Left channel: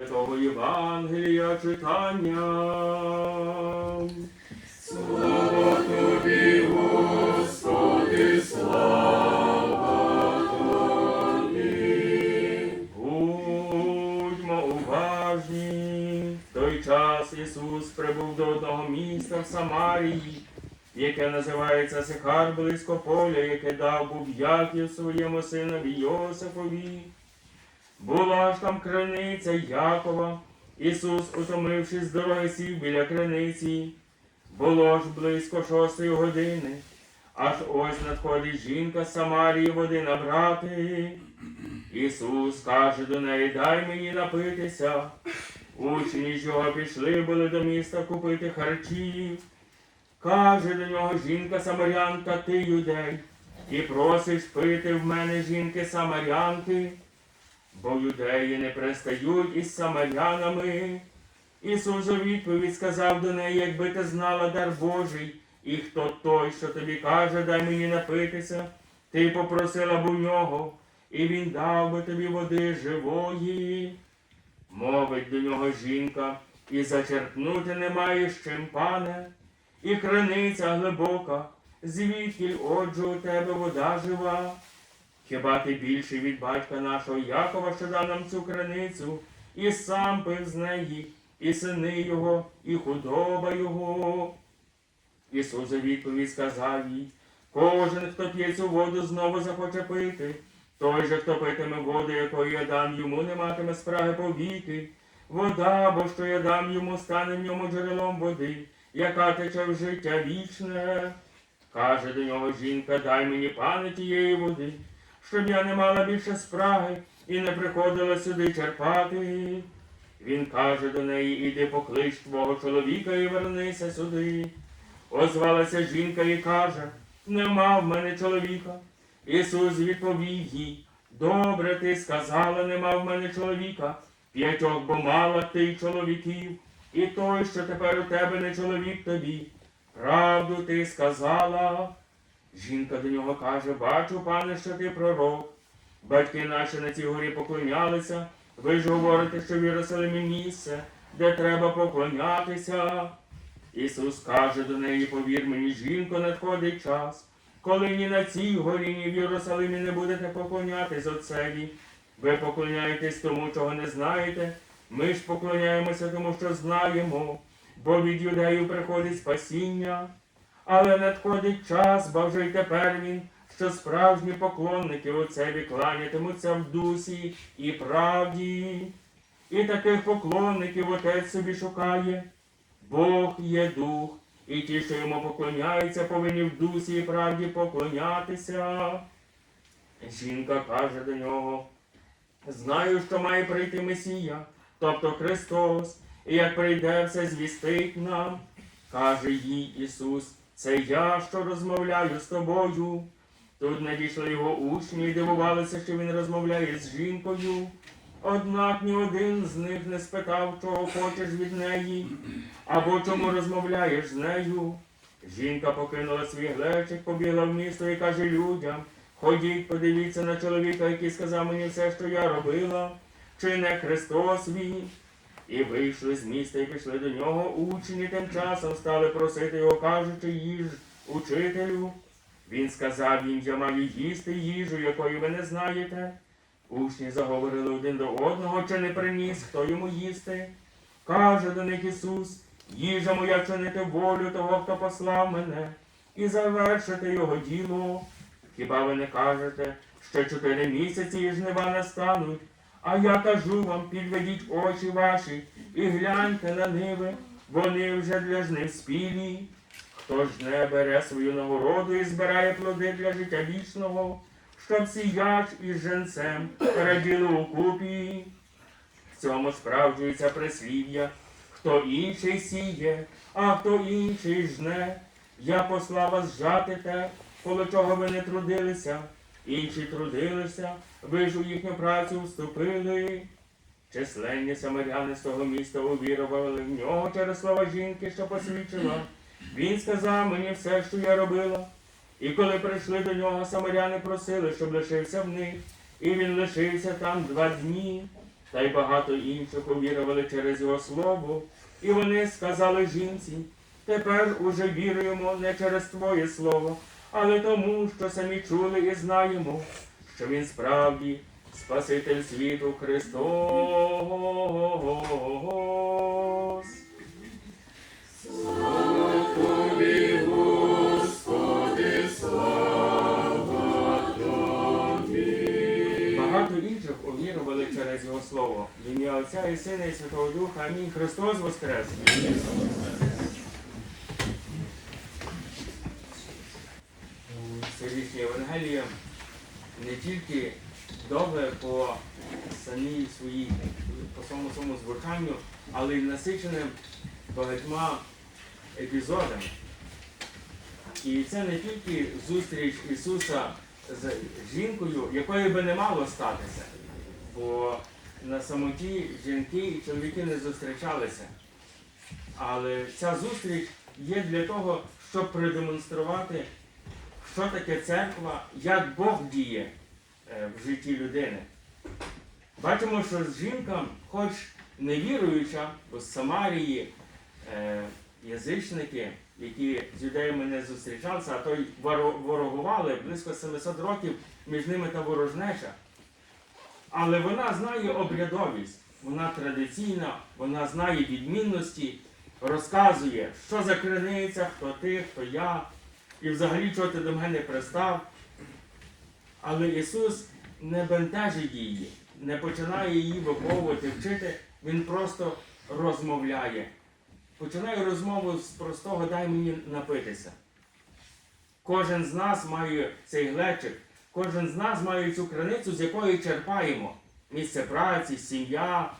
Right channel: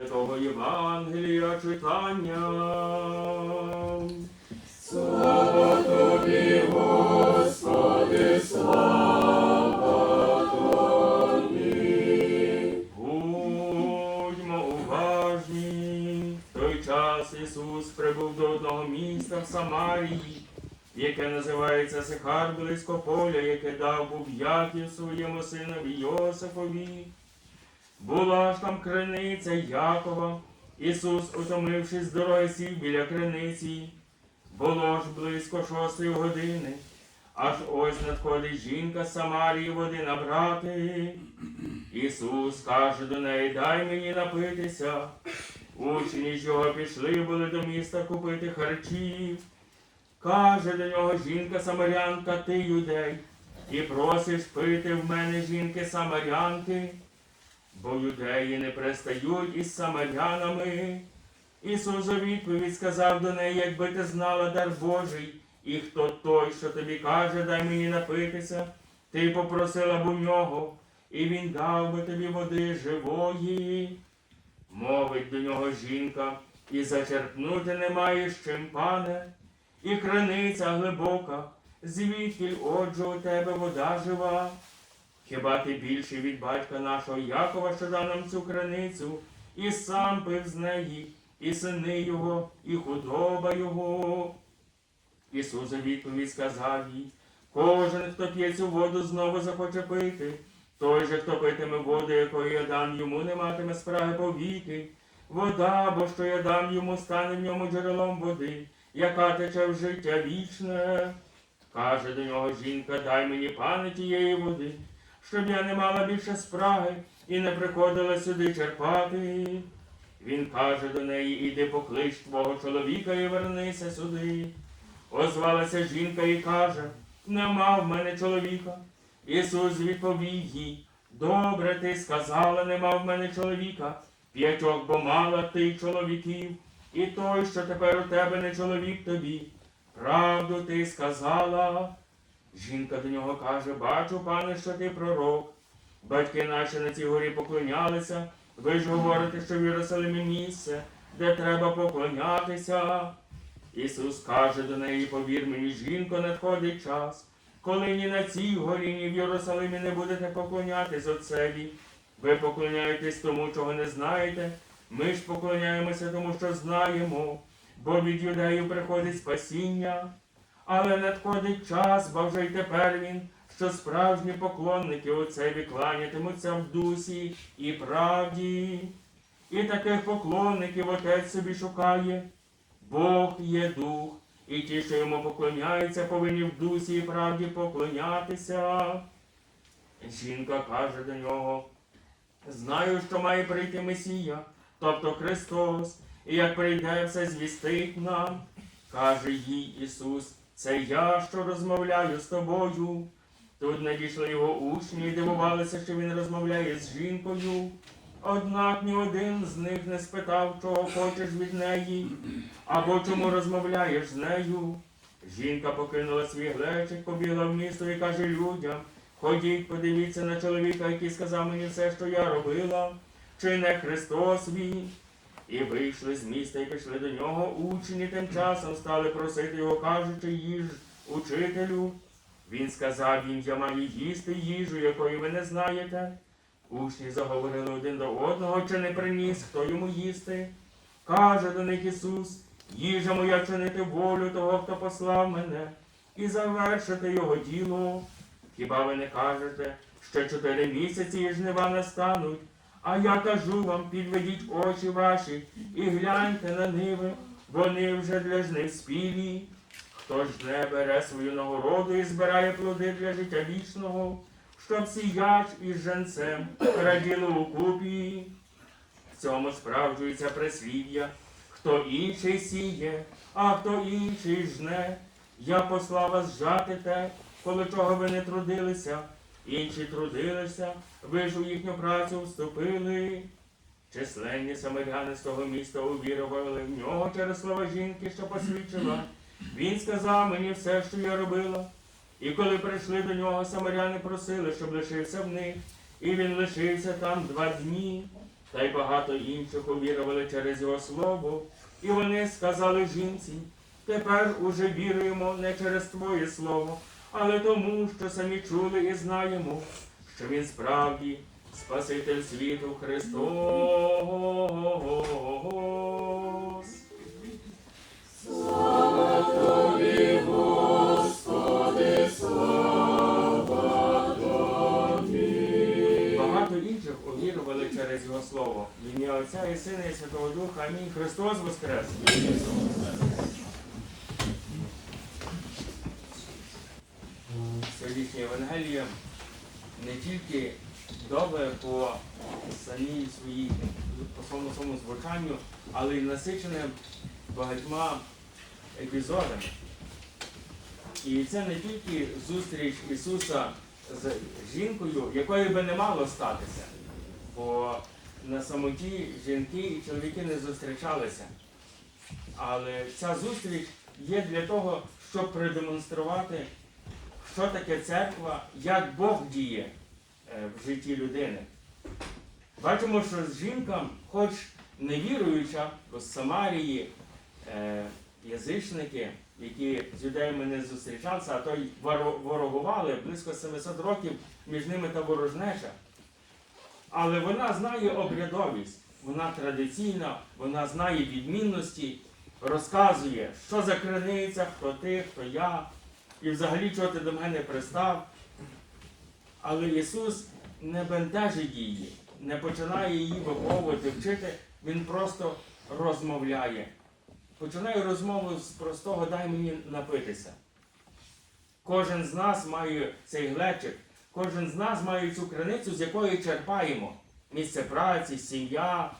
Святого Євангелія читання. Слава тобі, Господи, слава тобі. Будьмо уважні. В той час Ісус прибув до одного міста в Самарії, яке називається Сихар близько поля, яке дав був Яків своєму синові Йосифові. Була ж там криниця Якова. Ісус, утомившись з дороги, сів біля криниці. Було ж близько шостої години. Аж ось надходить жінка з Самарії води набрати. Ісус каже до неї, дай мені напитися. Учні ж його пішли були до міста купити харчів. Каже до нього жінка Самарянка, ти юдей, і просиш пити в мене жінки Самарянки, бо юдеї не пристають із самарянами. Ісус у відповідь сказав до неї, якби ти знала дар Божий, і хто той, що тобі каже, дай мені напитися, ти попросила б у нього, і він дав би тобі води живої. Мовить до нього жінка, і зачерпнути немає з чим, пане, і криниця глибока, звідки отже у тебе вода жива. Хіба ти більший від батька нашого Якова, що дав нам цю криницю, і сам пив з неї, і сини його, і худоба його. Ісус у відповідь сказав їй, кожен, хто п'є цю воду, знову захоче пити. Той же, хто питиме воду, якої я дам йому, не матиме спраги повіки. Вода, бо що я дам йому, стане в ньому джерелом води, яка тече в життя вічне. Каже до нього жінка, дай мені пане тієї води, щоб я не мала більше спраги і не приходила сюди черпати. Він каже до неї, іди поклич твого чоловіка і вернися сюди. Озвалася жінка і каже, нема в мене чоловіка. Ісус відповів їй, добре ти сказала, нема в мене чоловіка, п'ятьох бо мала ти чоловіків, і той, що тепер у тебе не чоловік тобі. Правду ти сказала. Жінка до нього каже, бачу, пане, що ти пророк. Батьки наші на цій горі поклонялися, ви ж говорите, що в Єрусалимі місце, де треба поклонятися. Ісус каже до неї, повір мені, жінко, надходить час, коли ні на цій горі, ні в Єрусалимі не будете поклонятись Отцеві. Ви поклоняєтесь тому, чого не знаєте. Ми ж поклоняємося тому, що знаємо, бо від юдеїв приходить спасіння. Але надходить час, бо вже й тепер він, що справжні поклонники Отцеві кланятимуться в дусі і правді. І таких поклонників Отець собі шукає. Бог є дух, і ті, що йому поклоняються, повинні в дусі і правді поклонятися. Жінка каже до нього, знаю, що має прийти Месія, тобто Христос, і як прийде, все звістить нам. Каже їй Ісус, це я, що розмовляю з тобою. Тут надійшли його учні і дивувалися, що він розмовляє з жінкою. Однак ні один з них не спитав, чого хочеш від неї, або чому розмовляєш з нею. Жінка покинула свій глечик, побігла в місто і каже людям, ходіть, подивіться на чоловіка, який сказав мені все, що я робила, чи не Христос він. І вийшли з міста і пішли до нього. Учні тим часом стали просити його, кажучи, їж учителю. Він сказав їм, я маю їсти їжу, якої ви не знаєте. Учні заговорили один до одного, чи не приніс, хто йому їсти. Каже до них Ісус, їжа моя чинити волю того, хто послав мене, і завершити його діло. Хіба ви не кажете, що чотири місяці і жнива настануть? А я кажу вам, підведіть очі ваші і гляньте на ниви, вони вже для жнив спілі. Хто жне бере свою нагороду і збирає плоди для життя вічного, щоб сіяч із женцем раділи у купі. В цьому справджується прислів'я, хто інший сіє, а хто інший жне. Я послав вас жати те, коло чого ви не трудилися, інші трудилися, ви ж у їхню працю вступили. Численні самаряни з того міста увірували в нього через слова жінки, що посвідчила. Він сказав мені все, що я робила. І коли прийшли до нього, самаряни просили, щоб лишився в них, і він лишився там два дні. та й багато інших увірували через його слово. І вони сказали жінці, тепер уже віруємо не через Твоє слово, але тому, що самі чули і знаємо, що він справді Спаситель світу Христос. Тобі, Господи, слава Тобі. Багато інших увірували через його слово. В ім'я Отця і Сина і Святого Духа. Амінь. Христос Воскрес! Сьогоднішнє не тільки добре по самій своїй, по своєму своєму звучанню, але й насичене багатьма епізодами. І це не тільки зустріч Ісуса з жінкою, якої би не мало статися. Бо на самоті жінки і чоловіки не зустрічалися. Але ця зустріч є для того, щоб продемонструвати, що таке церква, як Бог діє е, в житті людини. Бачимо, що жінка, хоч не віруюча, бо з Самарії е, язичники, які з юдеями не зустрічалися, а то й ворогували близько 700 років між ними та ворожнеча. Але вона знає обрядовість, вона традиційна, вона знає відмінності, розказує, що за криниця, хто ти, хто я, і взагалі чого ти до мене пристав. Але Ісус не бентежить її, не починає її виховувати, вчити, Він просто розмовляє. Починає розмову з простого дай мені напитися. Кожен з нас має цей глечик, кожен з нас має цю криницю, з якої черпаємо. Місце праці, сім'я,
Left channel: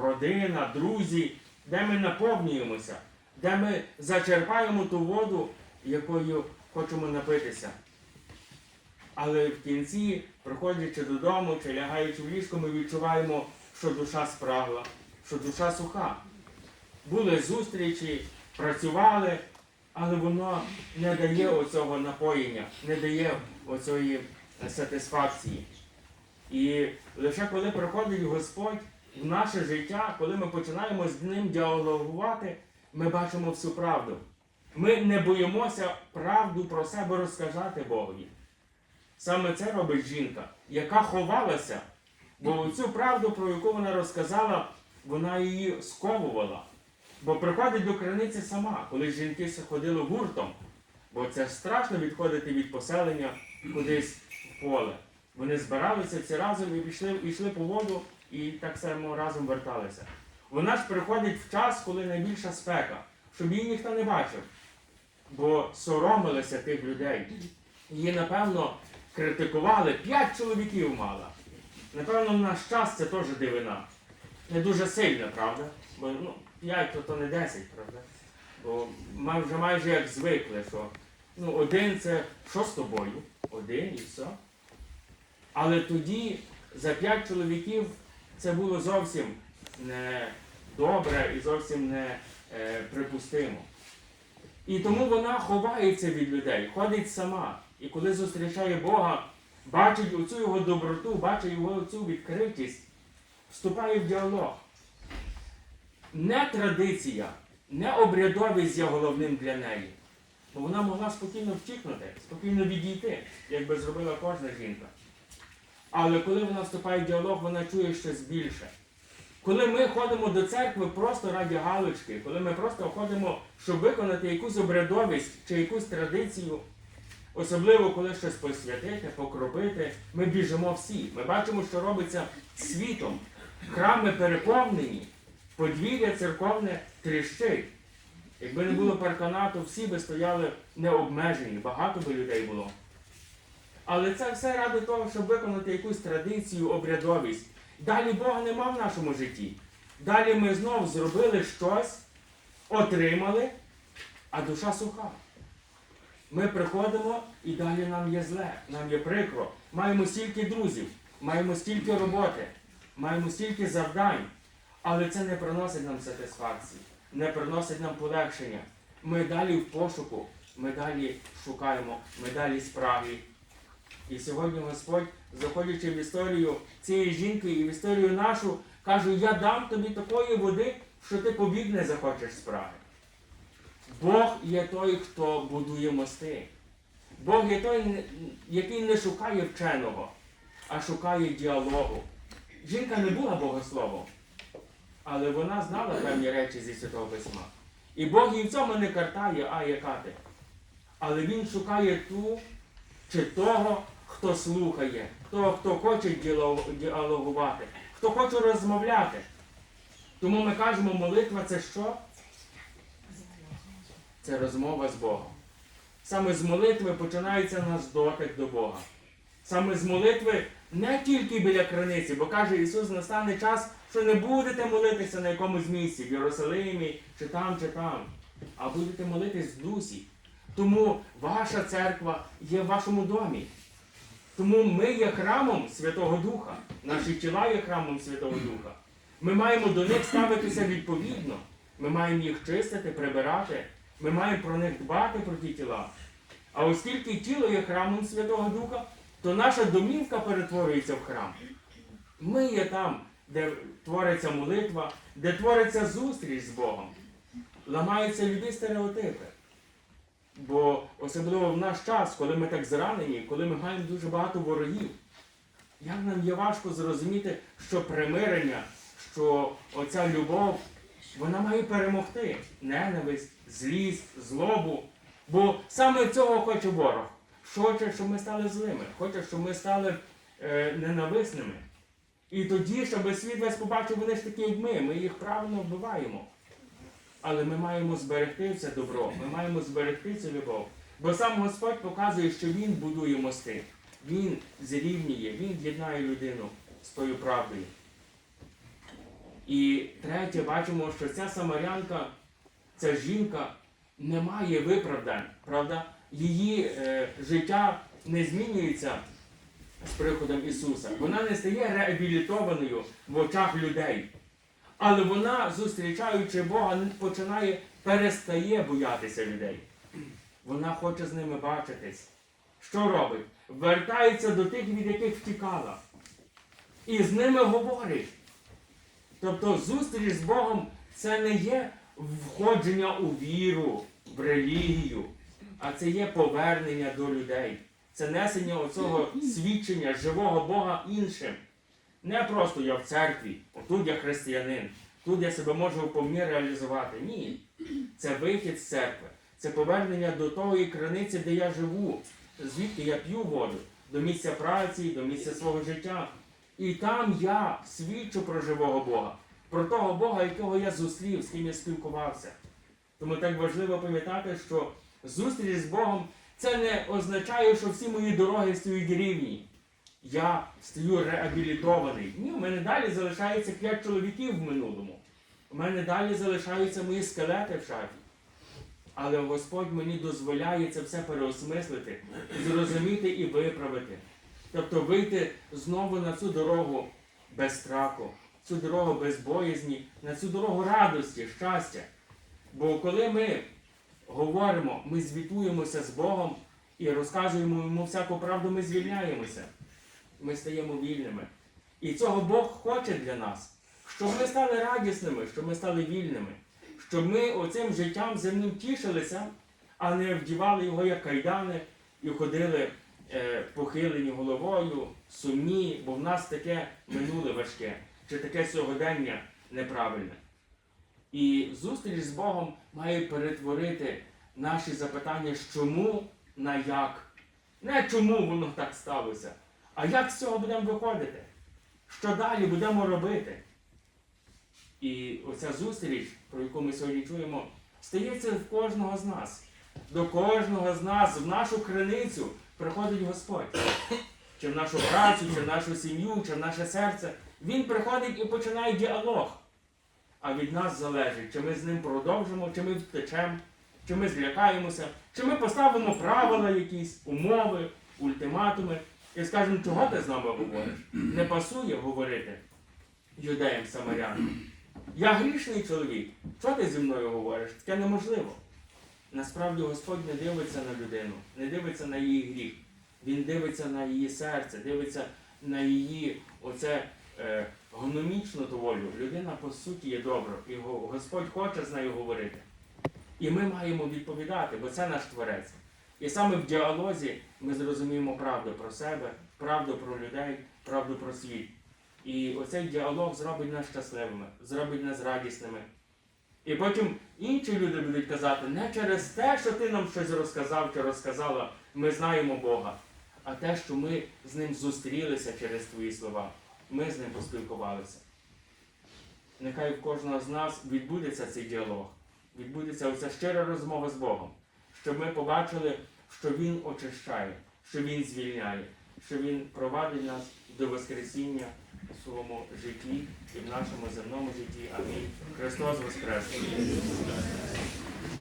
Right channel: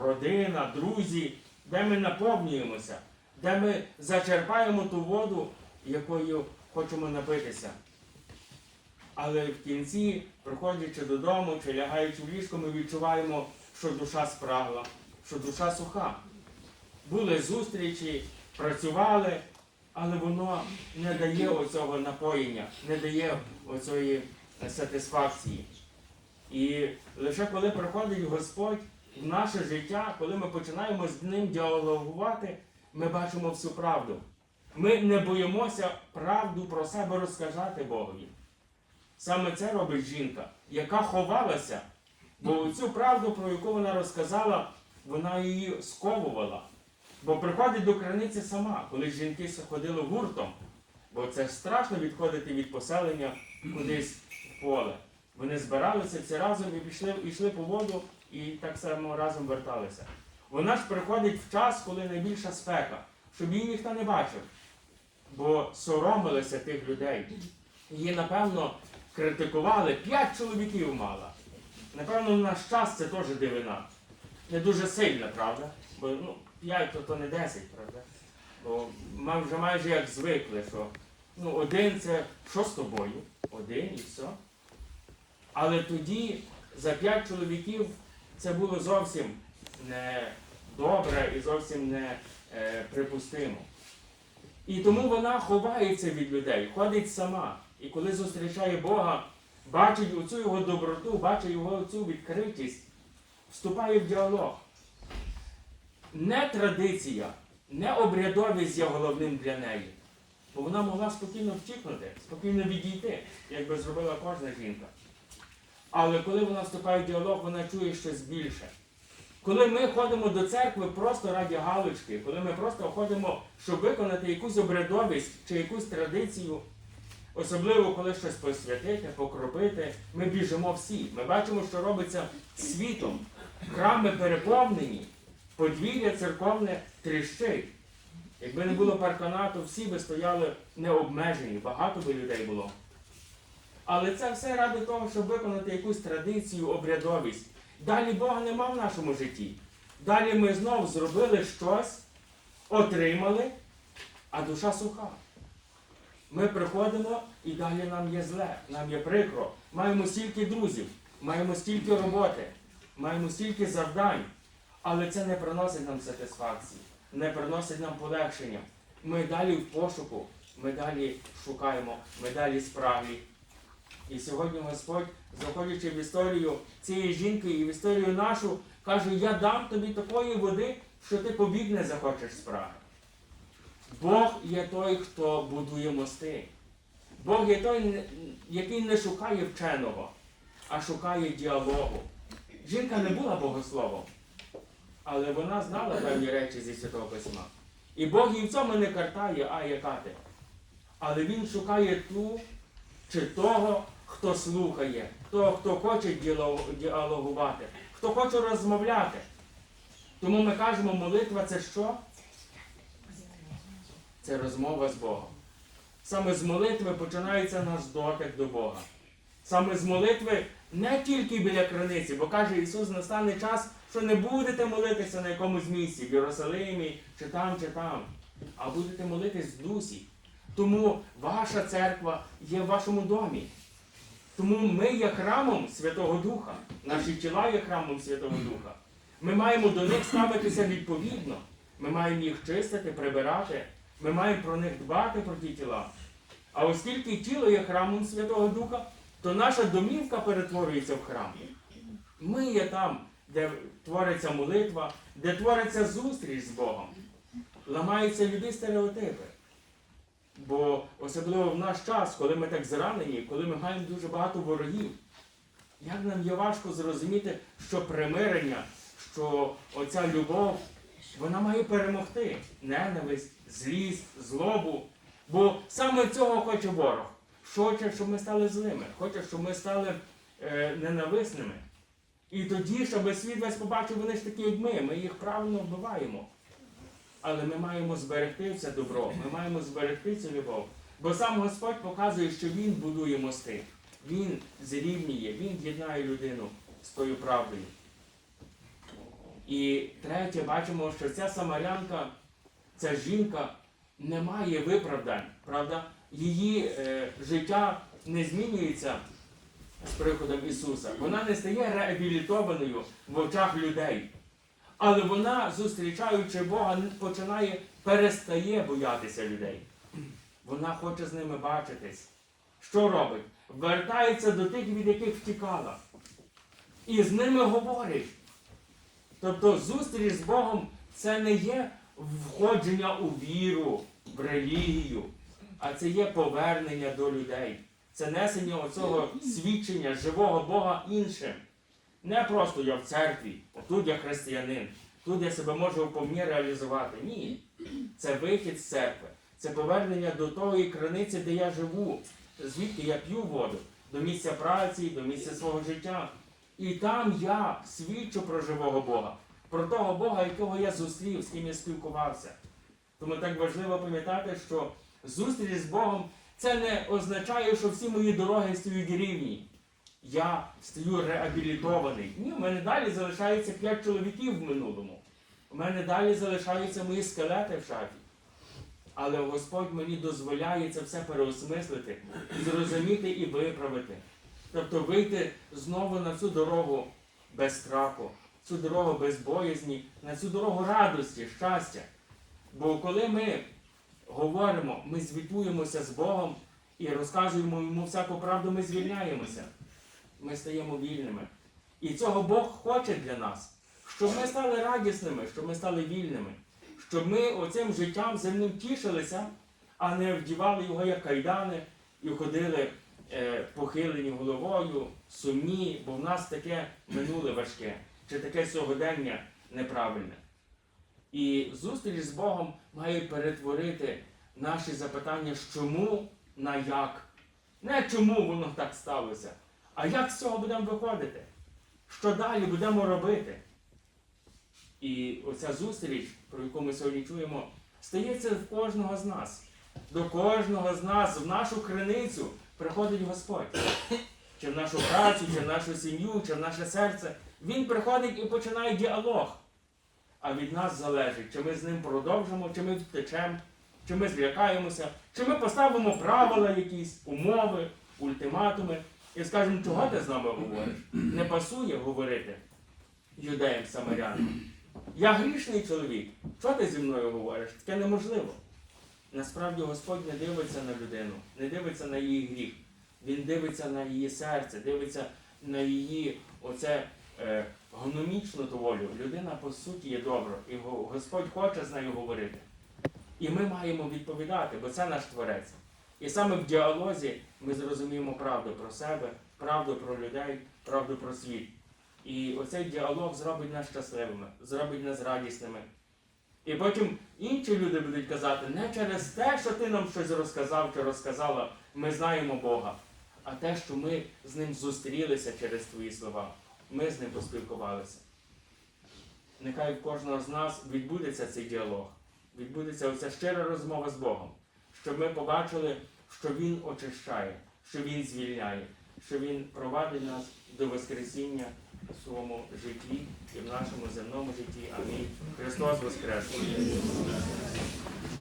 родина, друзі, де ми наповнюємося, де ми зачерпаємо ту воду, якою хочемо напитися. Але в кінці, приходячи додому чи лягаючи в ліжко, ми відчуваємо, що душа спрагла, що душа суха. Були зустрічі, працювали, але воно не дає оцього напоєння, не дає оцієї сатисфакції. І лише коли приходить Господь в наше життя, коли ми починаємо з ним діалогувати, ми бачимо всю правду. Ми не боїмося правду про себе розказати Богові. Саме це робить жінка, яка ховалася, бо цю правду, про яку вона розказала, вона її сковувала. Бо приходить до криниці сама, коли жінки ходили гуртом, бо це страшно відходити від поселення кудись в поле. Вони збиралися всі разом і пішли, йшли по воду і так само разом верталися. Вона ж приходить в час, коли найбільша спека, щоб її ніхто не бачив, бо соромилися тих людей. Її, напевно, критикували, п'ять чоловіків мала. Напевно, в наш час це теж дивина. Не дуже сильно, правда? Бо ну, 5 то, то не 10, правда? Бо ми вже майже як звикли, що ну, один це що з тобою? Один і все. Але тоді за 5 чоловіків це було зовсім не добре і зовсім не е, припустимо. І тому вона ховається від людей, ходить сама. І коли зустрічає Бога, бачить оцю його доброту, бачить його цю відкритість, вступає в діалог. Не традиція, не обрядовість є головним для неї. Бо вона могла спокійно втікнути, спокійно відійти, як би зробила кожна жінка. Але коли вона вступає в діалог, вона чує щось більше. Коли ми ходимо до церкви просто раді галочки, коли ми просто ходимо, щоб виконати якусь обрядовість чи якусь традицію, особливо коли щось посвятити, покропити, ми біжимо всі. Ми бачимо, що робиться світом. Храми переповнені, подвір'я церковне тріщить. Якби не було парканату, всі би стояли необмежені, багато би людей було. Але це все ради того, щоб виконати якусь традицію, обрядовість. Далі Бога нема в нашому житті. Далі ми знов зробили щось, отримали, а душа суха. Ми приходимо і далі нам є зле, нам є прикро. Маємо стільки друзів, маємо стільки роботи, маємо стільки завдань, але це не приносить нам сатисфакції, не приносить нам полегшення. Ми далі в пошуку, ми далі шукаємо, ми далі справі. І сьогодні Господь, заходячи в історію цієї жінки і в історію нашу, Каже, я дам тобі такої води, що ти побіг не захочеш спраги. Бог є той, хто будує мости. Бог є той, який не шукає вченого, а шукає діалогу. Жінка не була богословом, але вона знала певні речі зі Святого Письма. І Бог їй в цьому не картає, а яка ти. Але Він шукає ту чи того, хто слухає, того, хто хоче діалогувати, хто хоче розмовляти. Тому ми кажемо, молитва це що? Це розмова з Богом. Саме з молитви починається наш дотик до Бога. Саме з молитви не тільки біля криниці, бо каже Ісус, настане час, що не будете молитися на якомусь місці, в Єрусалимі, чи там, чи там, а будете молитись в дусі. Тому ваша церква є в вашому домі. Тому ми є храмом Святого Духа, наші тіла є храмом Святого Духа. Ми маємо до них ставитися відповідно. Ми маємо їх чистити, прибирати. Ми маємо про них дбати про ті тіла. А оскільки тіло є храмом Святого Духа, то наша домівка перетворюється в храм. Ми є там, де твориться молитва, де твориться зустріч з Богом. Ламаються люди стереотипи. Бо особливо в наш час, коли ми так зранені, коли ми маємо дуже багато ворогів, як нам є важко зрозуміти, що примирення, що оця любов, вона має перемогти ненависть, злість, злобу. Бо саме цього хоче ворог. Хоче, щоб ми стали злими, хоче, щоб ми стали е, ненависними. І тоді, щоб світ весь побачив, вони ж такі, як ми, ми їх правильно вбиваємо. Але ми маємо зберегти це добро, ми маємо зберегти цю любов. Бо сам Господь показує, що Він будує мости, Він зрівнює, Він єднає людину тою правдою. І третє, бачимо, що ця самарянка, ця жінка не має виправдань, правда? Її е, життя не змінюється з приходом Ісуса. Вона не стає реабілітованою в очах людей. Але вона, зустрічаючи Бога, починає, перестає боятися людей. Вона хоче з ними бачитись. Що робить? Вертається до тих, від яких втікала. І з ними говорить. Тобто зустріч з Богом це не є входження у віру, в релігію, а це є повернення до людей. Це несення оцього свідчення живого Бога іншим. Не просто я в церкві, тут я християнин, тут я себе можу повні реалізувати. Ні. Це вихід з церкви, це повернення до тої краниці, де я живу, звідки я п'ю воду, до місця праці, до місця свого життя. І там я свідчу про живого Бога, про того Бога, якого я зустрів, з ким я спілкувався. Тому так важливо пам'ятати, що зустріч з Богом це не означає, що всі мої дороги стають рівні. Я стаю реабілітований. Ні, у мене далі залишається п'ять чоловіків в минулому. У мене далі залишаються мої скелети в шафі. Але Господь мені дозволяє це все переосмислити, зрозуміти і виправити. Тобто вийти знову на цю дорогу без страху, цю дорогу без боязні, на цю дорогу радості, щастя. Бо коли ми говоримо, ми звітуємося з Богом і розказуємо йому всяку правду, ми звільняємося. Ми стаємо вільними. І цього Бог хоче для нас, щоб ми стали радісними, щоб ми стали вільними, щоб ми оцим життям земним тішилися, а не вдівали його як кайдани і ходили е, похилені головою, сумні, бо в нас таке минуле важке, чи таке сьогодення неправильне. І зустріч з Богом має перетворити наші запитання чому на як. Не чому воно так сталося, а як з цього будемо виходити? Що далі будемо робити? І оця зустріч, про яку ми сьогодні чуємо, стається в кожного з нас. До кожного з нас, в нашу криницю приходить Господь. Чи в нашу працю, чи в нашу сім'ю, чи в наше серце. Він приходить і починає діалог. А від нас залежить, чи ми з ним продовжимо, чи ми втечемо, чи ми злякаємося, чи ми поставимо правила якісь, умови, ультиматуми і скажемо, чого ти з нами говориш? Не пасує говорити юдеям самарянам. Я грішний чоловік. Чого ти зі мною говориш? Таке неможливо. Насправді Господь не дивиться на людину, не дивиться на її гріх. Він дивиться на її серце, дивиться на її оце е, гономічну волю. Людина по суті є добра, і Господь хоче з нею говорити. І ми маємо відповідати, бо це наш творець. І саме в діалозі ми зрозуміємо правду про себе, правду про людей, правду про світ. І оцей діалог зробить нас щасливими, зробить нас радісними. І потім інші люди будуть казати, не через те, що ти нам щось розказав чи розказала, ми знаємо Бога, а те, що ми з ним зустрілися через твої слова, ми з ним поспілкувалися. Нехай в кожного з нас відбудеться цей діалог, відбудеться оця щира розмова з Богом, щоб ми побачили, що Він очищає, що Він звільняє, що Він провадить нас до Воскресіння у своєму житті і в нашому земному житті. Амінь. Христос Воскрес!